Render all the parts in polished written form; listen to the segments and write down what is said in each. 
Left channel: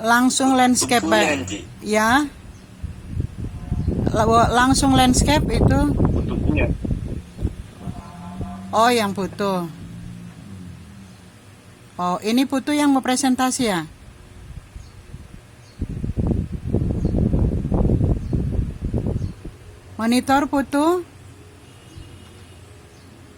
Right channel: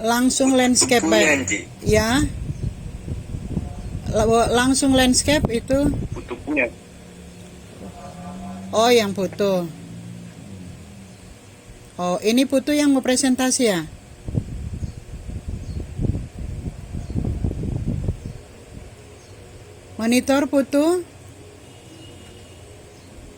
Langsung landscape, Bukunya, Ci. ya. Langsung landscape itu. Bukunya. Oh, yang foto. Oh, ini foto yang mau presentasi ya? Monitor foto.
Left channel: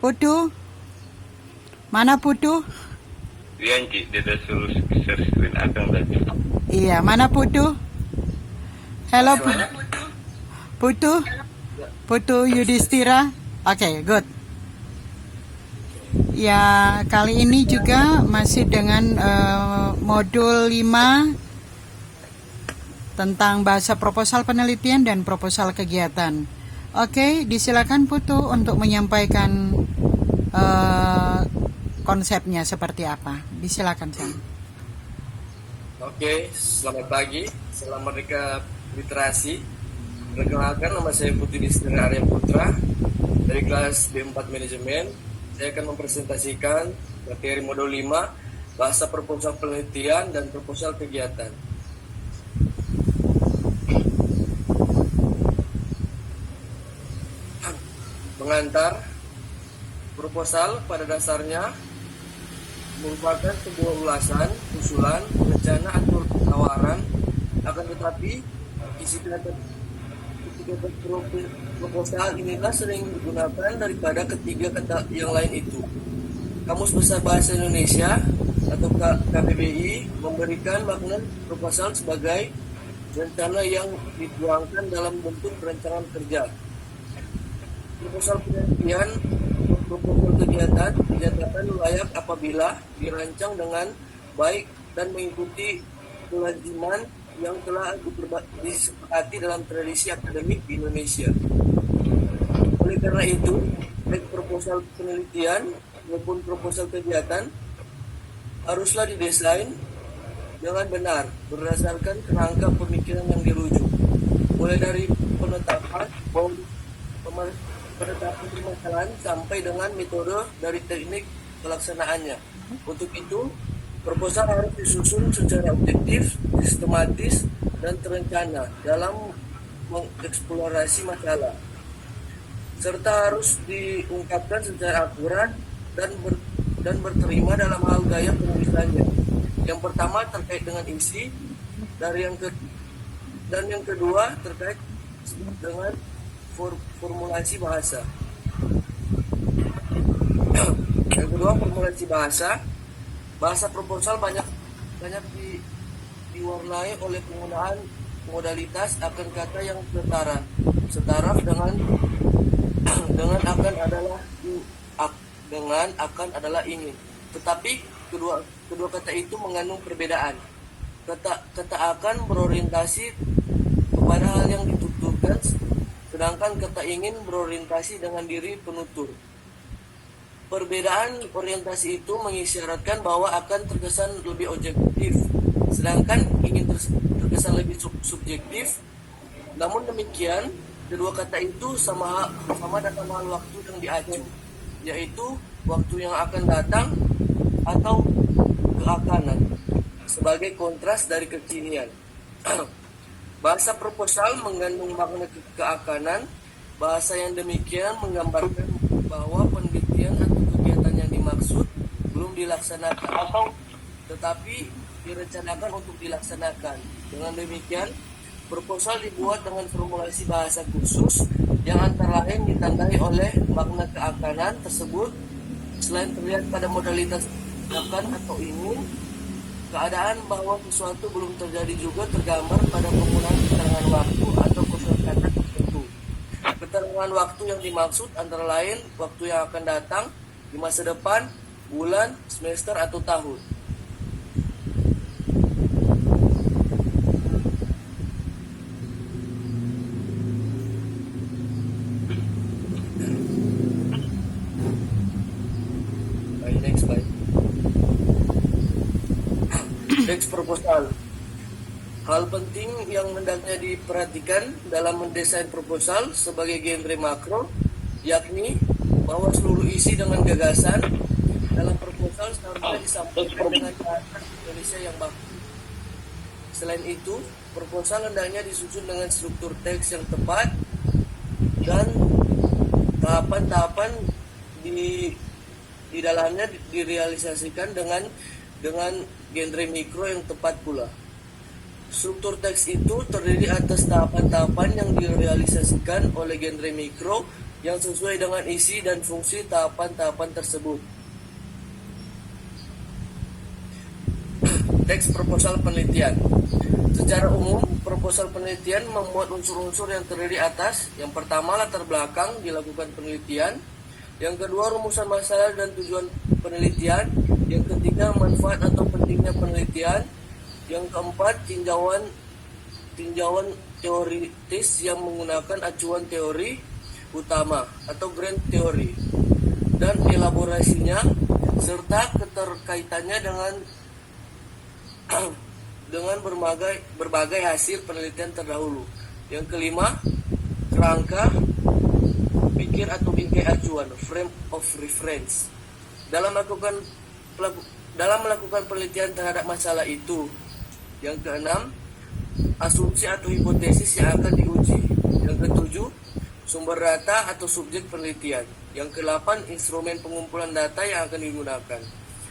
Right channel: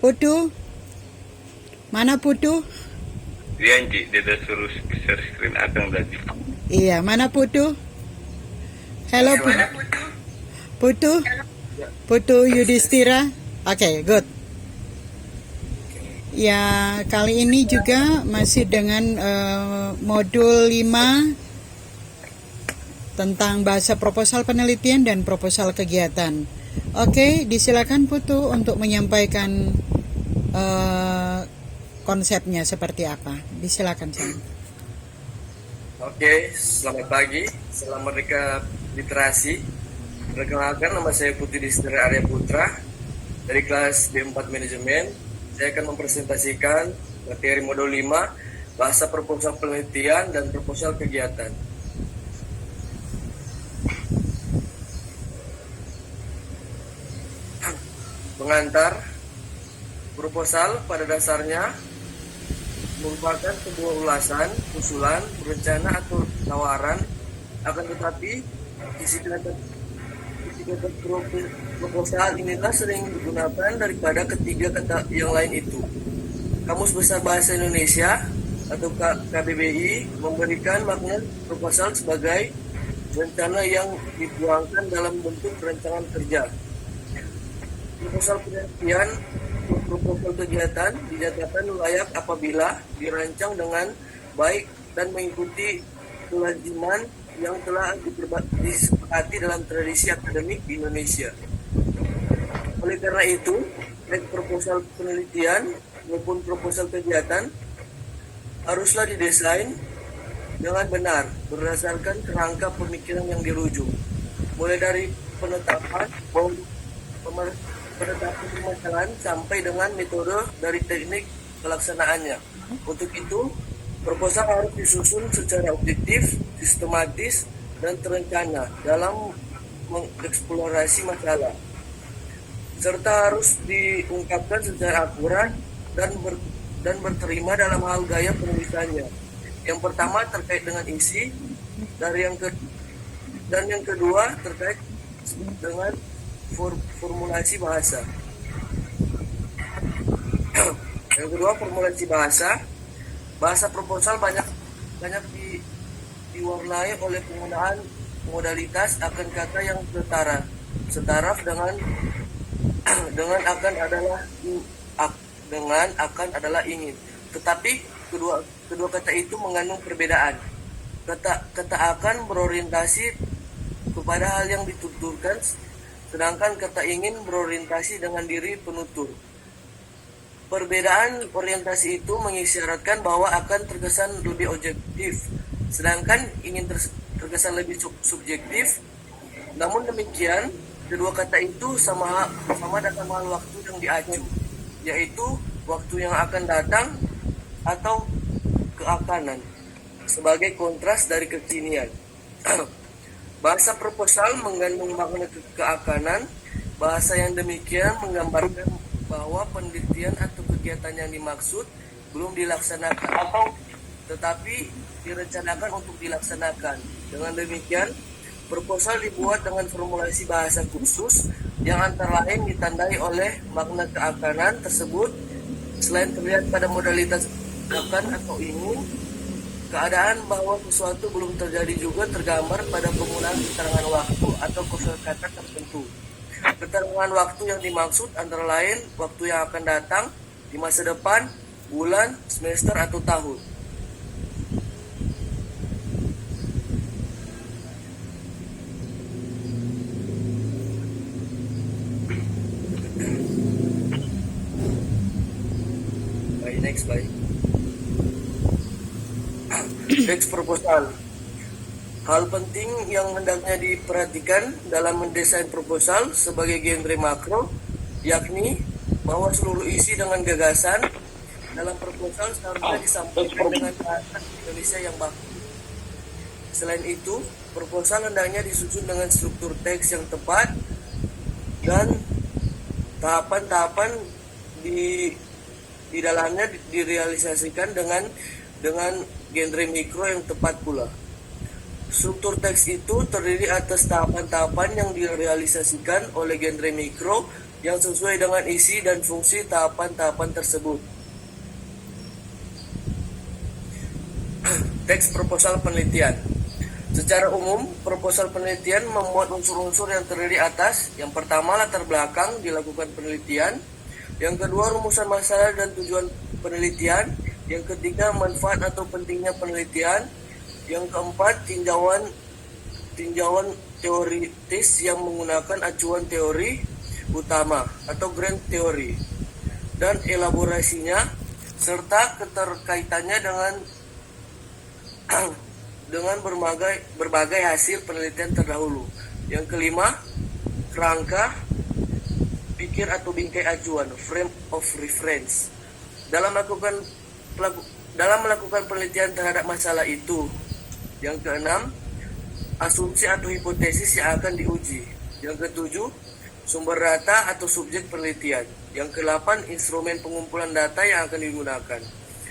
Foto. Mana foto? Iya, Ci. Dia udah suruh share screen Akang tadi. Iya, mana foto? Hello, Putu. Putu Yudhistira. Oke, good. Ya, kali ini juga masih dengan modul 5 tentang bahasa proposal penelitian dan proposal kegiatan. Oke, disilakan Putu untuk menyampaikan konsepnya seperti apa. Disilakan, sayang. Oke, selamat pagi, selamat literasi. Perkenalkan, nama saya Putu Yudhistira Arya Putra dari kelas D4 Manajemen. Saya akan mempresentasikan materi modul 5, bahasa proposal penelitian dan proposal kegiatan. Pengantar, proposal pada dasarnya merupakan sebuah ulasan, usulan, rencana atau tawaran, akan tetapi isi kata proposal inilah sering digunakan daripada ketiga kata yang lain itu. Kamus Besar Bahasa Indonesia atau KBBI memberikan makna proposal sebagai rencana yang dituangkan dalam bentuk rancangan kerja. Proposal penelitian atau proposal kegiatan dinyatakan layak apabila dirancang dengan baik dan mengikuti kelaziman yang telah disepakati dalam tradisi akademik di Indonesia. Oleh karena itu, baik proposal penelitian maupun proposal kegiatan haruslah didesain dengan benar berdasarkan kerangka pemikiran yang dirujuk, mulai dari penetapan permasalahan sampai dengan metode dari teknik pelaksanaannya. Untuk itu, proposal harus disusun secara objektif, sistematis, dan terencana dalam mengeksplorasi masalah, serta harus diungkapkan secara akurat dan berterima dalam hal gaya penulisannya. Yang pertama terkait dengan isi, dan yang kedua terkait dengan formulasi bahasa. Yang kedua, formulasi bahasa. Bahasa proposal banyak diwarnai oleh penggunaan modalitas akan kata yang setaraf dengan akan adalah ingin. Tetapi kedua kata itu mengandung perbedaan. Kata akan berorientasi kepada hal yang dituturkan, sedangkan kata ingin berorientasi dengan diri penutur. Perbedaan orientasi itu mengisyaratkan bahwa akan terkesan lebih objektif, sedangkan ingin terkesan lebih subjektif. Namun demikian, kedua kata itu sama dalam hal waktu yang diacu, yaitu waktu yang akan datang atau keakanan, sebagai kontras dari kekinian. Bahasa proposal mengandung makna keakanan. Bahasa yang demikian menggambarkan bahwa penelitian atau kegiatan yang dimaksud belum dilaksanakan, tetapi direncanakan untuk dilaksanakan. Dengan demikian, proposal dibuat dengan formulasi bahasa khusus yang antara lain ditandai oleh makna keakanan tersebut. Selain terlihat pada modalitas akan atau ingin, keadaan bahwa sesuatu belum terjadi juga tergambar pada penggunaan keterangan waktu atau kosakata tertentu. Keterangan waktu yang dimaksud antara lain waktu yang akan datang, di masa depan, bulan, semester, atau tahun. Teks proposal. Hal penting yang hendaknya diperhatikan dalam mendesain proposal sebagai genre makro, yakni bahwa seluruh isi dengan gagasan dalam proposal seharusnya disampaikan dengan bahasa Indonesia yang baku. Selain itu, proposal hendaknya disusun dengan struktur teks yang tepat dan tahapan-tahapan di dalamnya direalisasikan dengan genre mikro yang tepat pula. Struktur teks itu terdiri atas tahapan-tahapan yang direalisasikan oleh genre mikro yang sesuai dengan isi dan fungsi tahapan-tahapan tersebut. Teks proposal penelitian. Secara umum, proposal penelitian memuat unsur-unsur yang terdiri atas: yang pertama, latar belakang dilakukan penelitian; yang kedua, rumusan masalah dan tujuan penelitian; yang ketiga, manfaat atau pentingnya penelitian; yang keempat, tinjauan teoritis yang menggunakan acuan teori utama atau grand theory, dan elaborasinya serta keterkaitannya dengan berbagai hasil penelitian terdahulu. Yang kelima, kerangka pikir atau bingkai acuan, frame of reference, dalam melakukan penelitian terhadap masalah itu. Yang keenam, asumsi atau hipotesis yang akan diuji. Yang ketujuh, sumber data atau subjek penelitian. Yang kedelapan, instrumen pengumpulan data yang akan digunakan.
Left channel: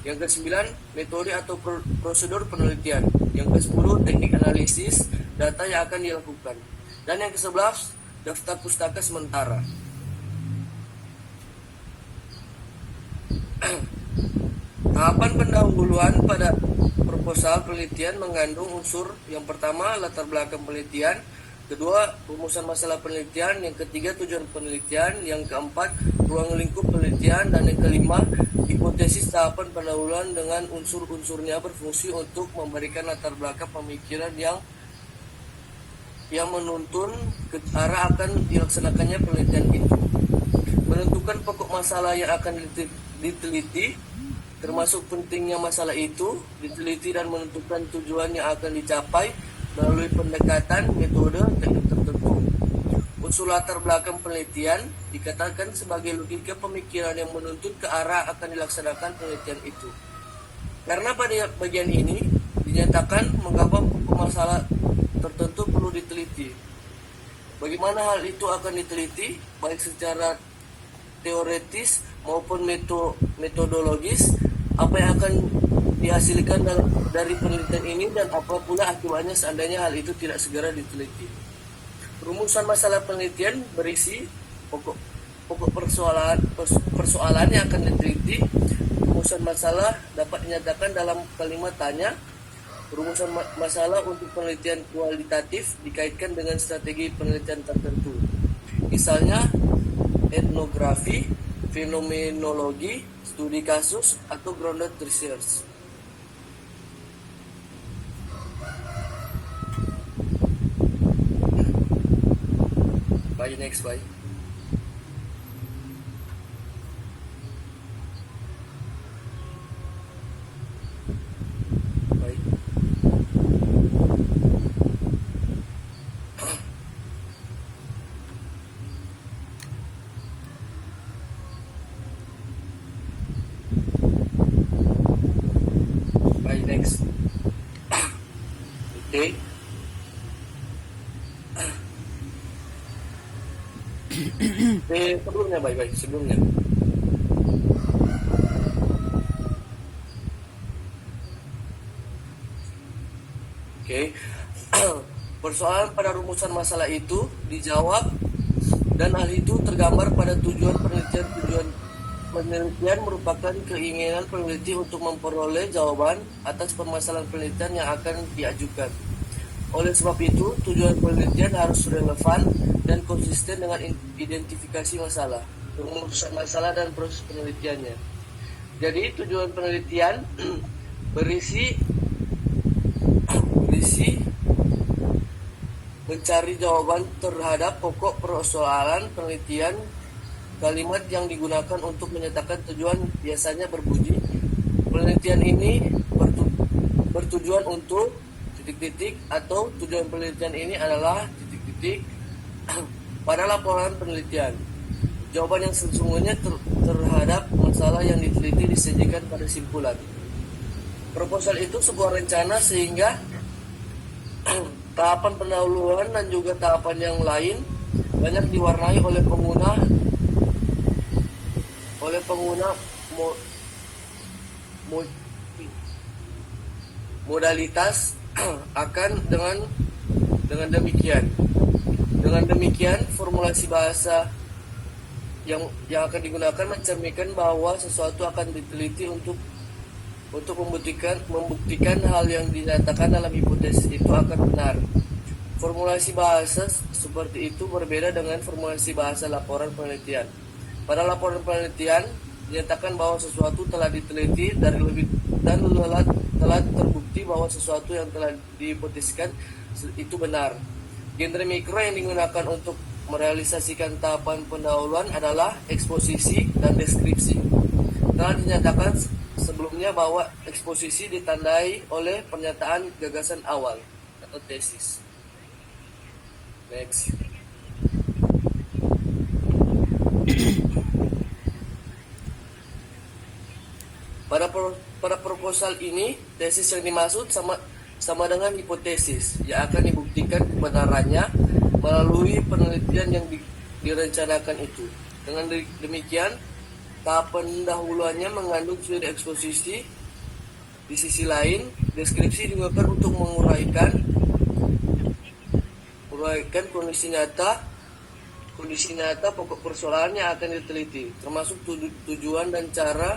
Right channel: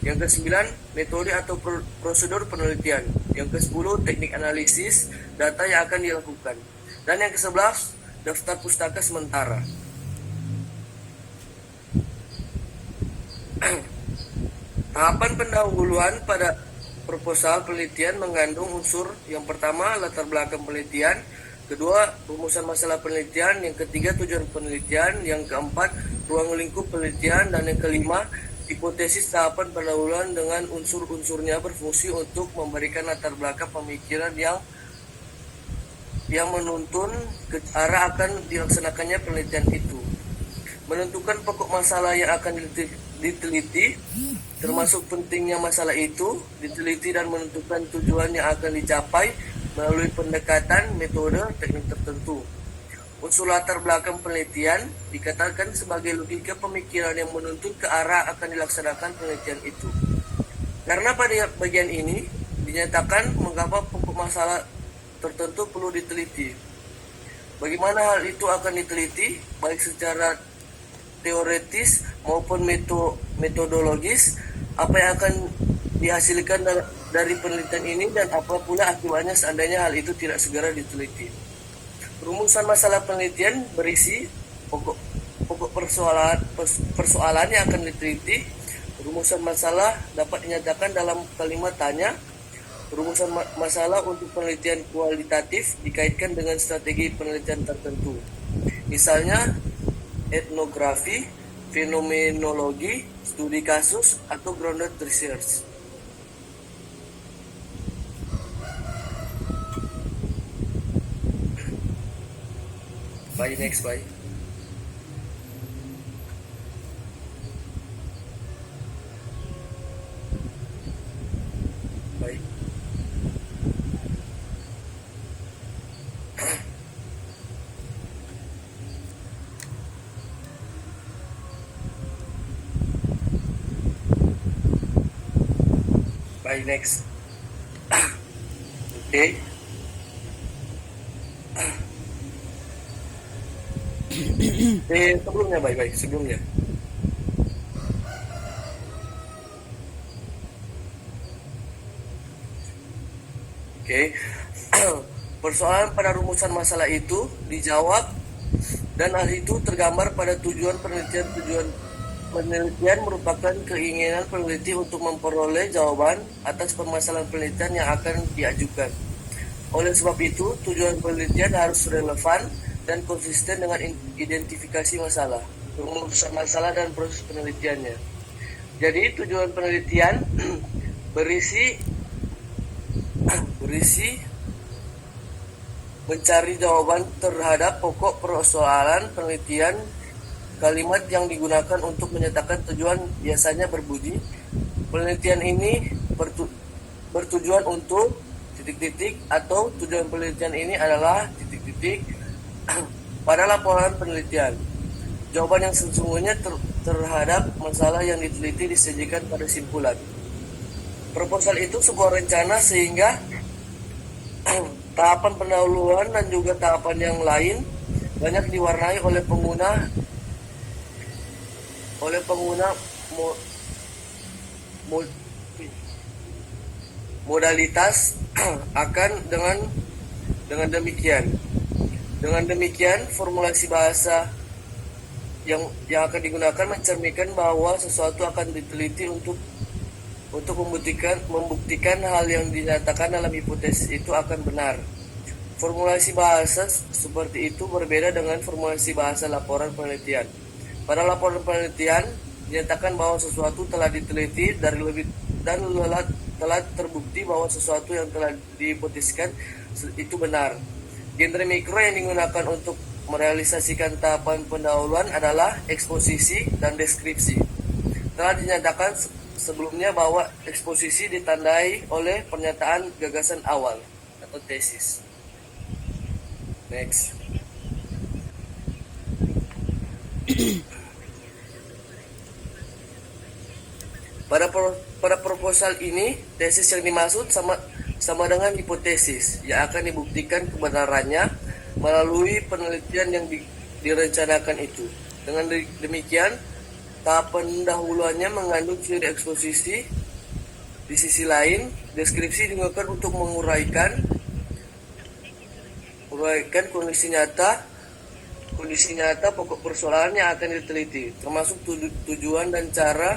Yang kesembilan, metode atau prosedur penelitian. Yang kesepuluh, teknik analisis data yang akan dilakukan. Dan yang kesebelas, daftar pustaka sementara. Tahapan pendahuluan pada proposal penelitian mengandung unsur: yang pertama, latar belakang penelitian; kedua, rumusan masalah penelitian; yang ketiga, tujuan penelitian; yang keempat, ruang lingkup penelitian; dan yang kelima, hipotesis. Tahapan pendahuluan dengan unsur-unsurnya berfungsi untuk memberikan latar belakang pemikiran yang menuntun ke arah akan dilaksanakannya penelitian itu. Menentukan pokok masalah yang akan diteliti, termasuk pentingnya masalah itu diteliti, dan menentukan tujuan yang akan dicapai melalui pendekatan, metode, teknik tertentu. Unsur latar belakang penelitian dikatakan sebagai logika pemikiran yang menuntun ke arah akan dilaksanakan penelitian itu. Karena pada bagian ini dinyatakan mengapa pokok masalah tertentu perlu diteliti. Bagaimana hal itu akan diteliti, baik secara teoretis maupun metodologis, apa yang akan dihasilkan dari penelitian ini, dan apa pula akibatnya seandainya hal itu tidak segera diteliti. Rumusan masalah penelitian berisi pokok persoalan yang akan diteliti. Rumusan masalah dapat dinyatakan dalam kalimat tanya. Rumusan masalah untuk penelitian kualitatif dikaitkan dengan strategi penelitian tertentu. Misalnya etnografi, fenomenologi, studi kasus, atau grounded research. Bye, next, bye. Bye. Bye, next. Okay. Sebelumnya, baik sebelumnya. Oke. Persoalan pada rumusan masalah itu dijawab, dan hal itu tergambar pada tujuan penelitian. Tujuan penelitian merupakan keinginan peneliti untuk memperoleh jawaban atas permasalahan penelitian yang akan diajukan. Oleh sebab itu, tujuan penelitian harus relevan dan konsisten dengan identifikasi masalah, rumusan masalah, dan proses penelitiannya. Jadi, tujuan penelitian berisi mencari jawaban terhadap pokok persoalan penelitian. Kalimat yang digunakan untuk menyatakan tujuan biasanya berbunyi: penelitian ini bertujuan untuk ... atau tujuan penelitian ini adalah ... pada laporan penelitian. Jawaban yang sesungguhnya terhadap masalah yang diteliti disajikan pada simpulan. Proposal itu sebuah rencana sehingga Tahapan pendahuluan dan juga tahapan yang lain banyak diwarnai oleh pengguna mo- mo- modalitas akan dengan demikian formulasi bahasa yang akan digunakan mencerminkan bahwa sesuatu akan diteliti untuk membuktikan hal yang dinyatakan dalam hipotesis itu akan benar. Formulasi bahasa seperti itu berbeda dengan formulasi bahasa laporan penelitian. Pada laporan penelitian dinyatakan bahwa sesuatu telah diteliti dan telah terbukti bahwa sesuatu yang telah dihipotesiskan itu benar. Genre mikro yang digunakan untuk merealisasikan tahapan pendahuluan adalah eksposisi dan deskripsi. Telah dinyatakan sebelumnya bahwa eksposisi ditandai oleh pernyataan gagasan awal atau tesis. Next. Pada proposal ini, tesis yang dimaksud sama dengan hipotesis yang akan dibuktikan kebenarannya melalui penelitian yang direncanakan itu. Dengan demikian, tahap pendahuluannya mengandung ciri eksposisi. Di sisi lain, deskripsi digunakan untuk menguraikan kondisi nyata pokok persoalan yang akan diteliti, termasuk tujuan dan cara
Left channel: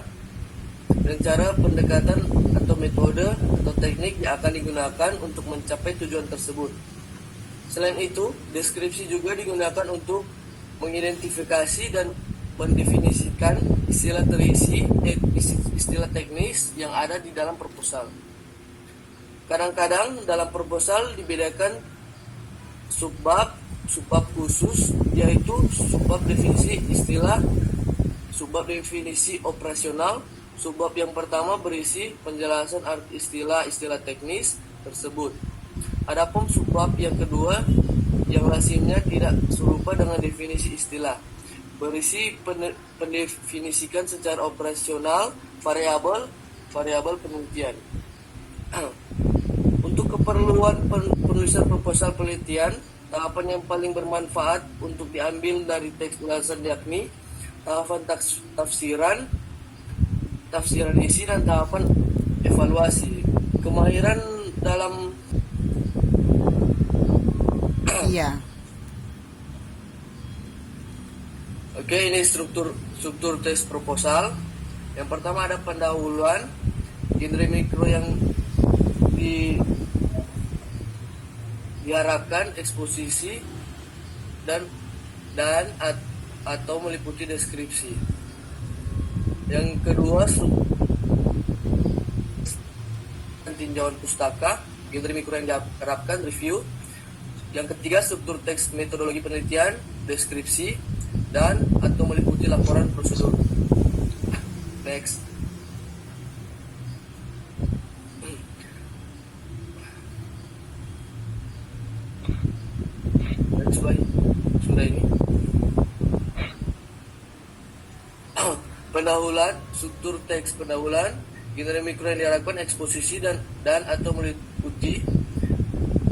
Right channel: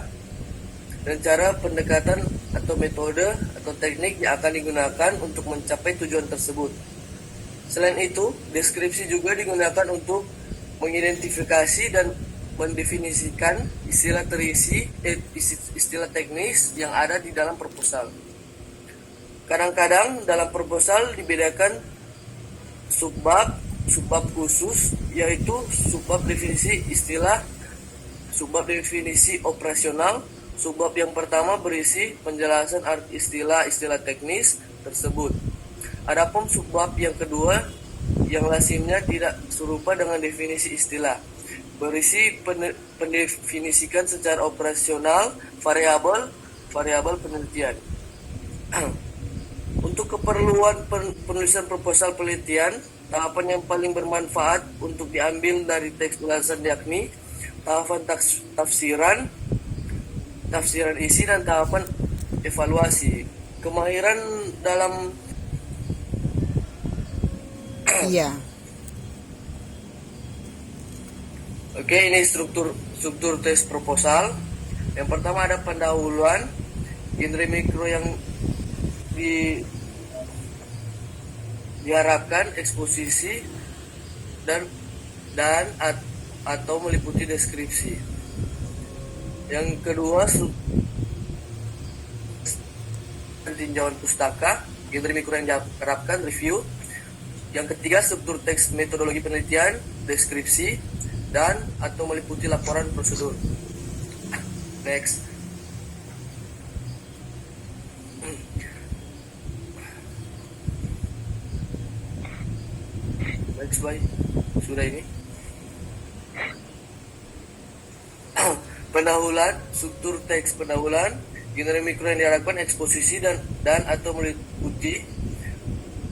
pendekatan atau metode atau teknik yang akan digunakan untuk mencapai tujuan tersebut. Selain itu, deskripsi juga digunakan untuk mengidentifikasi dan mendefinisikan istilah teknis yang ada di dalam proposal. Kadang-kadang dalam proposal dibedakan subbab khusus, yaitu subbab definisi istilah, subbab definisi operasional. Subbab yang pertama berisi penjelasan arti istilah teknis tersebut. Adapun subbab yang kedua yang lazimnya tidak serupa dengan definisi istilah, berisi pendefinisikan secara operasional variabel penelitian. Untuk keperluan penulisan proposal penelitian, tahapan yang paling bermanfaat untuk diambil dari teks ulasan yakni tahapan tafsiran isi dan tahapan evaluasi. Kemahiran dalam Iya. Oke, ini struktur teks proposal. Yang pertama ada pendahuluan, genre mikro yang diharapkan, eksposisi dan atau meliputi deskripsi. Yang kedua tinjauan pustaka, genre mikro yang diharapkan, review. Yang ketiga struktur teks metodologi penelitian, deskripsi dan atau meliputi laporan prosedur. Next. Sudah ini. Pendahuluan, struktur teks pendahuluan, genre mikro yang diharapkan, eksposisi dan atau meliputi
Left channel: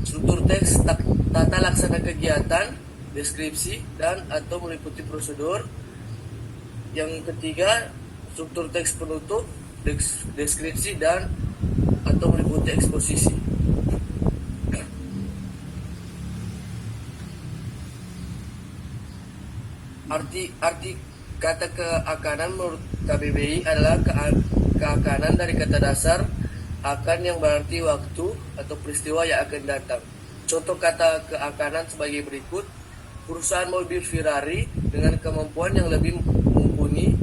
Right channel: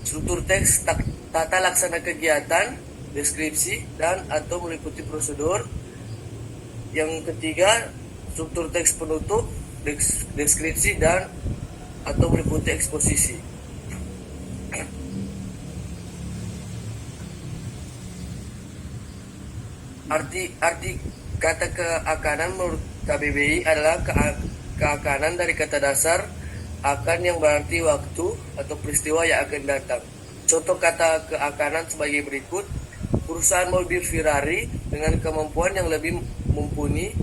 struktur teks tata laksana kegiatan, deskripsi dan atau meliputi prosedur. Yang ketiga struktur teks penutup, deskripsi dan atau meliputi eksposisi. Arti kata keakanan menurut KBBI adalah keakanan dari kata dasar akan yang berarti waktu atau peristiwa yang akan datang. Contoh kata keakanan sebagai berikut: perusahaan mobil Ferrari dengan kemampuan yang lebih mumpuni.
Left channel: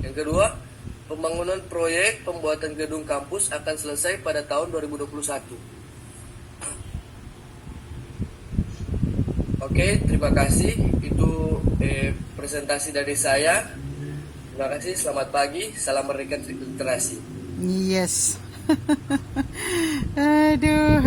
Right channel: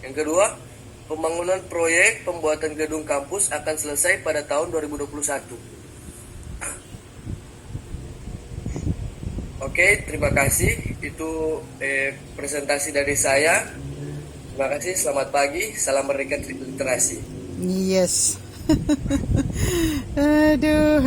Yang kedua, pembangunan proyek pembuatan gedung kampus akan selesai pada tahun 2021. Oke, terima kasih. Itu presentasi dari saya. Terima kasih, selamat pagi. Salam Merdeka Literasi. Yes. Aduh.